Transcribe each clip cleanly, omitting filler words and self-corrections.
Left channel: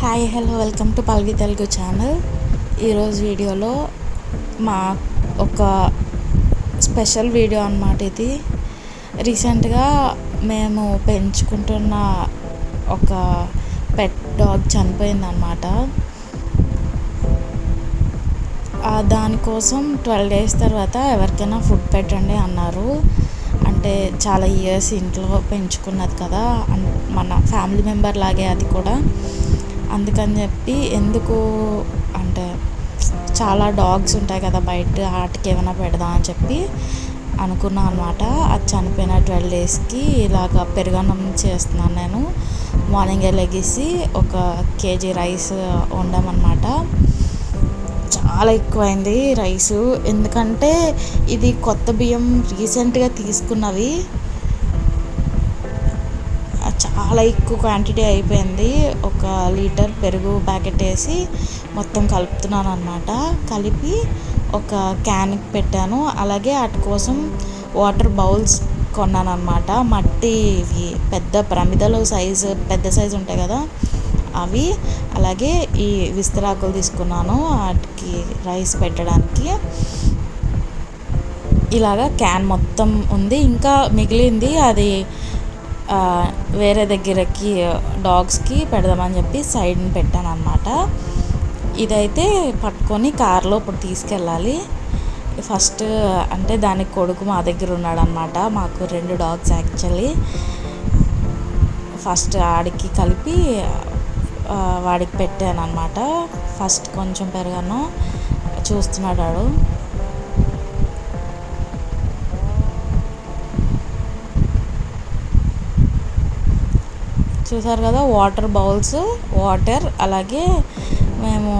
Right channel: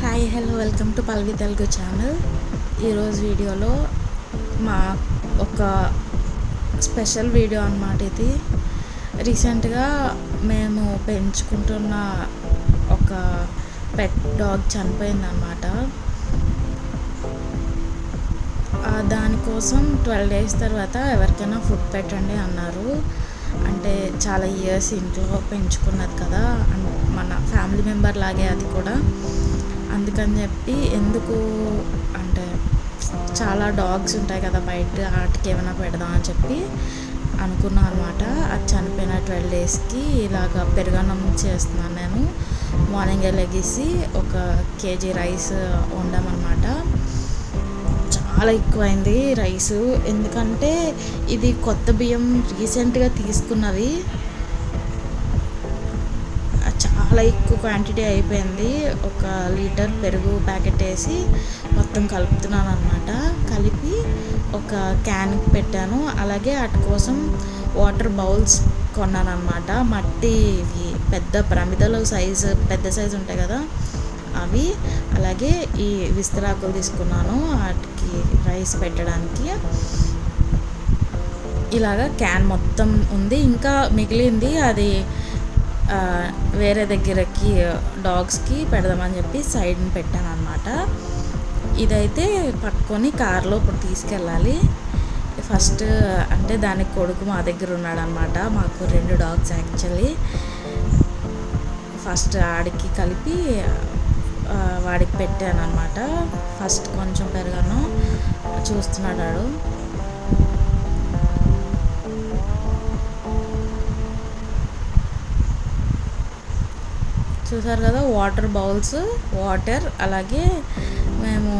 Hi hello welcome to Palvi Telugu channel. ఈరోజు వీడియోలో మా ఒక స్పెషల్ వీడియో అన్నమాట. ఇది రీసెంట్గా మేము పెంచుకుంటున్న ఒక పెట్ డాగ్ చనిపోయిందన్నమాట. దానికోసం 12 days తర్వాత ఎవరికైనా ఫుడ్ పెట్టండి అన్నారు. అంటే చాలా ఇయర్స్ ఇంట్లో పెంచుకున్నది కదా, మన ఫ్యామిలీ మెంబర్ లాగే అది కూడా. అందుకని చెప్పి ఎందుకు అంటే చాలా డాగ్స్ ఉంటాయి కదా బయట, వాటికి ఏమైనా పెడదాం అని చెప్పి అనుకున్నాను అనమాట. అది చనిపోయిన 12 daysకి ఇలాగ పెరుగన్నం చేస్తున్నాను నేను. మార్నింగే లెగిసి 1 kg రైస్ వండామన్నమాట. చాలా ఎక్కువైంది రైసు, ఎందుకంటే ఇది కొత్త బియ్యం రీసెంట్గా తీసుకున్నవి. చాలా ఎక్కువ క్వాంటిటీ అయిపోయింది. 1 లీటర్ పెరుగు ప్యాకెట్ వేసి మొత్తం కలుపుతున్నాను అనమాట. కలిపి ఒక క్యాన్కి పెట్టాను. అలాగే వాటి కోసం వాటర్ బౌల్స్ కొన్నాను అనమాట. మట్టి పెద్ద ప్రమిదలు పెద్ద సైజు ఉంటాయి కదా అవి. అలాగే ఈ విస్తరాకులు తీసుకున్నాను వాటికి రైస్ పెట్టడానికి. ఇలాగా క్యాన్ మొత్తం ఉంది. ఇంకా మిగిలింది అది వేరే దగ్గరకి డాగ్స్కి పెడదామని చెప్పి సైడ్ని పెట్టాను అనమాట. ఇదైతే పట్టుకొని కార్లో ఇప్పుడు తీసుకెళ్ళాలి. ఫస్ట్ అంటే దానికి కొడుకు మా దగ్గర ఉన్నాడు అనమాట. మాకు 2 dogs యాక్చువల్లీ. ఫస్ట్ ఆడికి కలిపి వాడికి పెట్టాను అనమాట. ఫస్ట్ కొంచెం పెరగాను చూస్తున్నాడు వాడు. చూసారు కదా, వాటర్ బౌల్స్, వాటర్, అలాగే మేము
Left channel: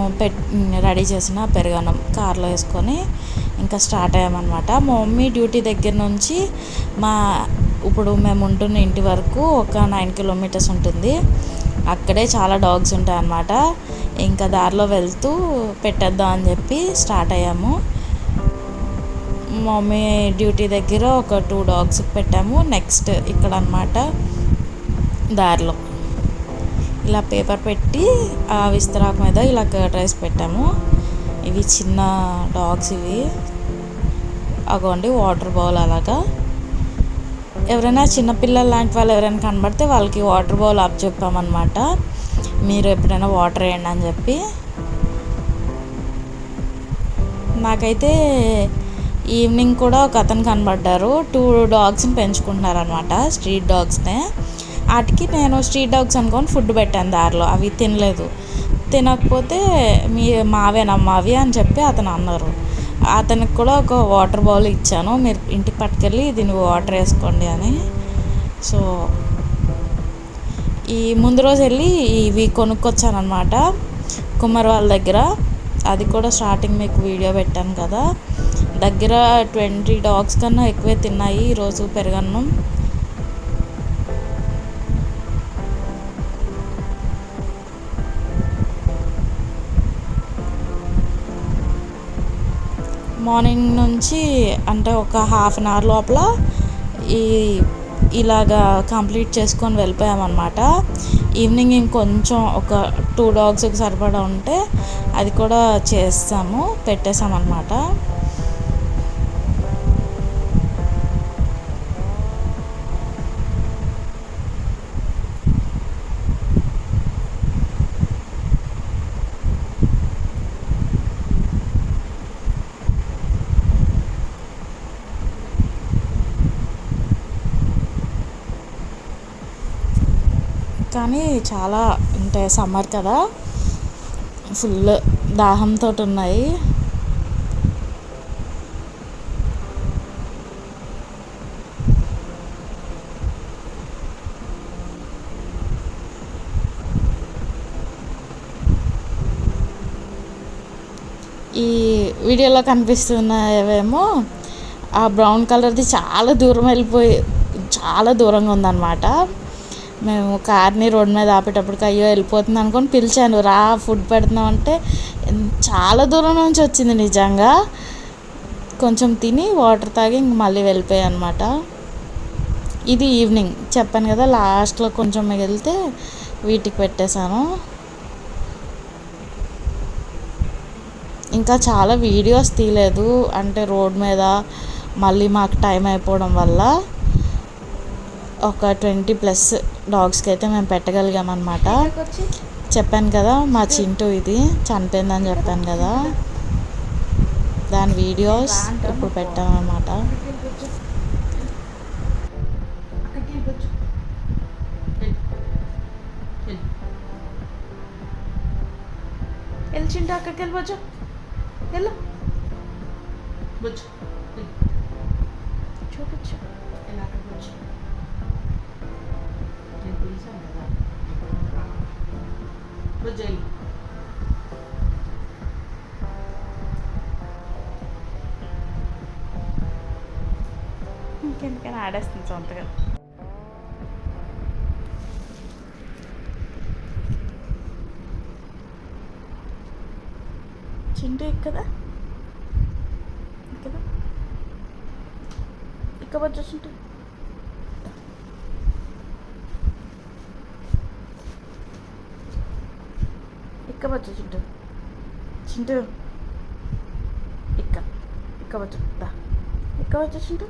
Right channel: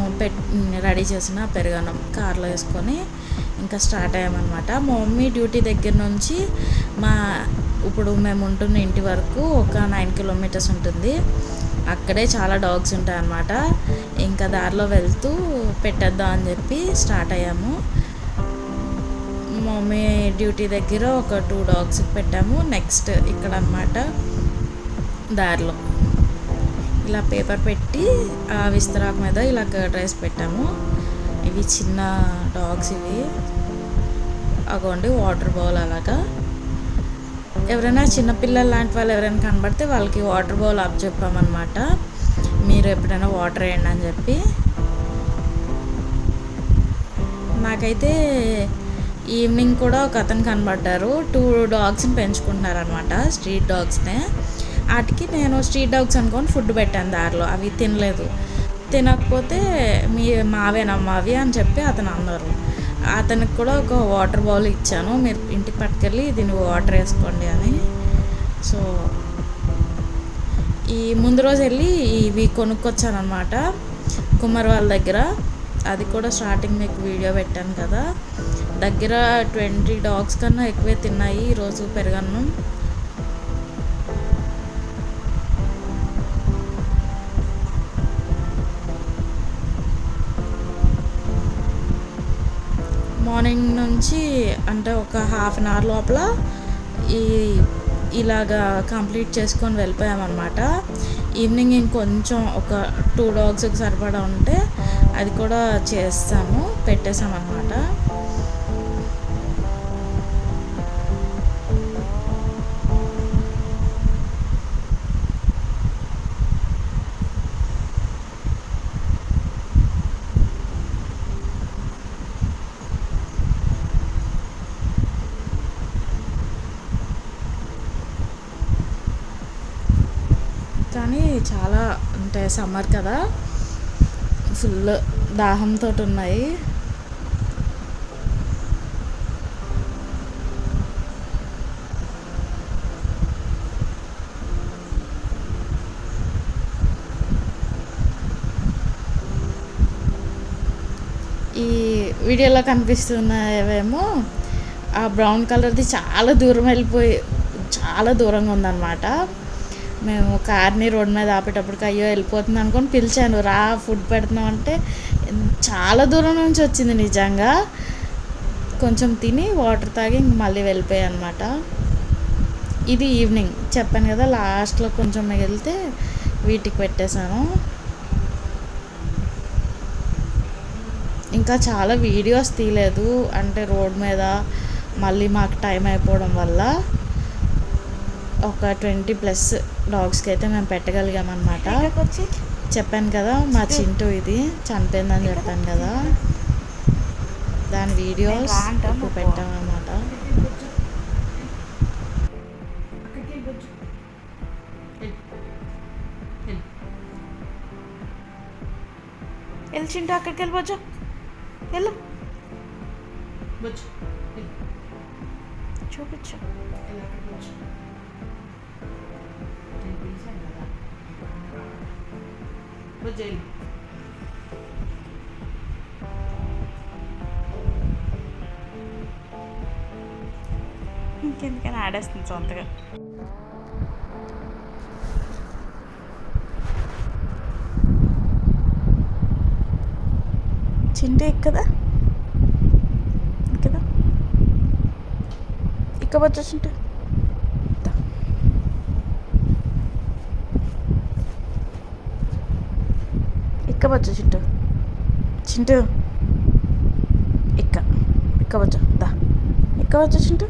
రెడీ చేసిన పెరుగన్నం కార్లో వేసుకొని ఇంకా స్టార్ట్ అయ్యామన్నమాట. మా మమ్మీ డ్యూటీ దగ్గర నుంచి ఇప్పుడు మేము ఉంటున్న ఇంటి వరకు ఒక 9 kilometers ఉంటుంది. అక్కడే చాలా డాగ్స్ ఉంటాయి అన్నమాట. ఇంకా దారిలో వెళ్తూ పెట్టేద్దాం అని చెప్పి స్టార్ట్ అయ్యాము. మమ్మీ డ్యూటీ దగ్గర ఒక 2 dogs పెట్టాము. నెక్స్ట్ ఇక్కడ అన్నమాట దారిలో ఇలా పేపర్ పెట్టి ఆ విస్తరాకు మీద ఇలా కర్డ్ రైస్ పెట్టాము. ఇవి చిన్న డాగ్స్ ఇవి. అగోండి వాటర్ బౌల్. అలాగా ఎవరైనా చిన్నపిల్లలు లాంటి వాళ్ళు ఎవరైనా కనబడితే వాళ్ళకి వాటర్ బౌల్ అప్ చెప్పామన్నమాట. మీరు ఎప్పుడైనా వాటర్ వేయండి అని చెప్పి. నాకైతే ఈవినింగ్ కూడా ఒక అతను కనబడ్డారు. 2 dogsని పెంచుకుంటున్నారు అనమాట, స్ట్రీట్ డాగ్స్నే. వాటికి నేను స్ట్రీట్ డాగ్స్ అనుకొని ఫుడ్ పెట్టాను దారిలో. అవి తినలేదు. తినకపోతే మావేనమ్మా అవి అని చెప్పి అతను అన్నారు. అతనికి కూడా ఒక వాటర్ బౌల్ ఇచ్చాను, మీరు ఇంటికి పట్టుకెళ్ళి దీన్ని వాటర్ వేసుకోండి అని. సో ఈ ముందు రోజు వెళ్ళి ఇవి కొనుక్కొచ్చాను అనమాట కుమ్మరి వాళ్ళ దగ్గర. అది కూడా స్టార్టింగ్ మీకు వీడియో పెట్టాను కదా. దగ్గర 20 dogs కన్నా ఎక్కువే తిన్నాయి ఈరోజు పెరుగన్నం. మార్నింగ్ నుంచి అంటే ఒక 1/2 hour లోపల ఇలాగా కంప్లీట్ చేసుకొని వెళ్ళిపోయామన్నమాట. ఈవినింగ్ ఇంకొంచెం ఒక 2 dogsకి సరిపడా ఉంటే అది కూడా పెట్టేసామన్నమాట. కానీ చాలా అంటే సమ్మర్ కదా, ఫుల్ దాహంతో ఉన్నాయి. ఈ వీడియోలో కనిపిస్తున్నవేమో ఆ బ్రౌన్ కలర్ది చాలా దూరంగా ఉందన్నమాట. మేము కార్ని రోడ్ మీద ఆపేటప్పటికి అయ్యో వెళ్ళిపోతుంది అనుకొని పిలిచాను, రా ఫుడ్ పెడుతున్నాం అంటే చాలా దూరం నుంచి వచ్చింది. నిజంగా కొంచెం తిని వాటర్ తాగి ఇంక మళ్ళీ వెళ్ళిపోయాయి అనమాట. ఇది ఈవినింగ్ చెప్పాను కదా, లాస్ట్లో కొంచెం మిగిలితే వీటికి పెట్టేశాను. ఇంకా చాలా వీడియోస్ తీయలేదు, అంటే రోడ్ మీద మళ్ళీ మాకు టైం అయిపోవడం వల్ల ఒక 20+ డాగ్స్కి అయితే మేము పెట్టగలిగామన్నమాట. చెప్పాను కదా మా చింటూ ఇది చనిపోయిందని చెప్పాను కదా, దాని వీడియోస్ ఇప్పుడు పెట్టామన్నమాట. చింటూ అక్కడికి వెళ్ళిపోవచ్చు, వెళ్ళు చూపించు. ఇంకెందుకని ఆడేస్తుంది సొంతగా. చింటూ ఎక్కదా కదా, ఇక్కవచ్చు చింటూ. ఇక్కవచ్చు చింటూ, చింటూ ఇక్కవచ్చు దా, ఇక్కవచ్చు చింటూ.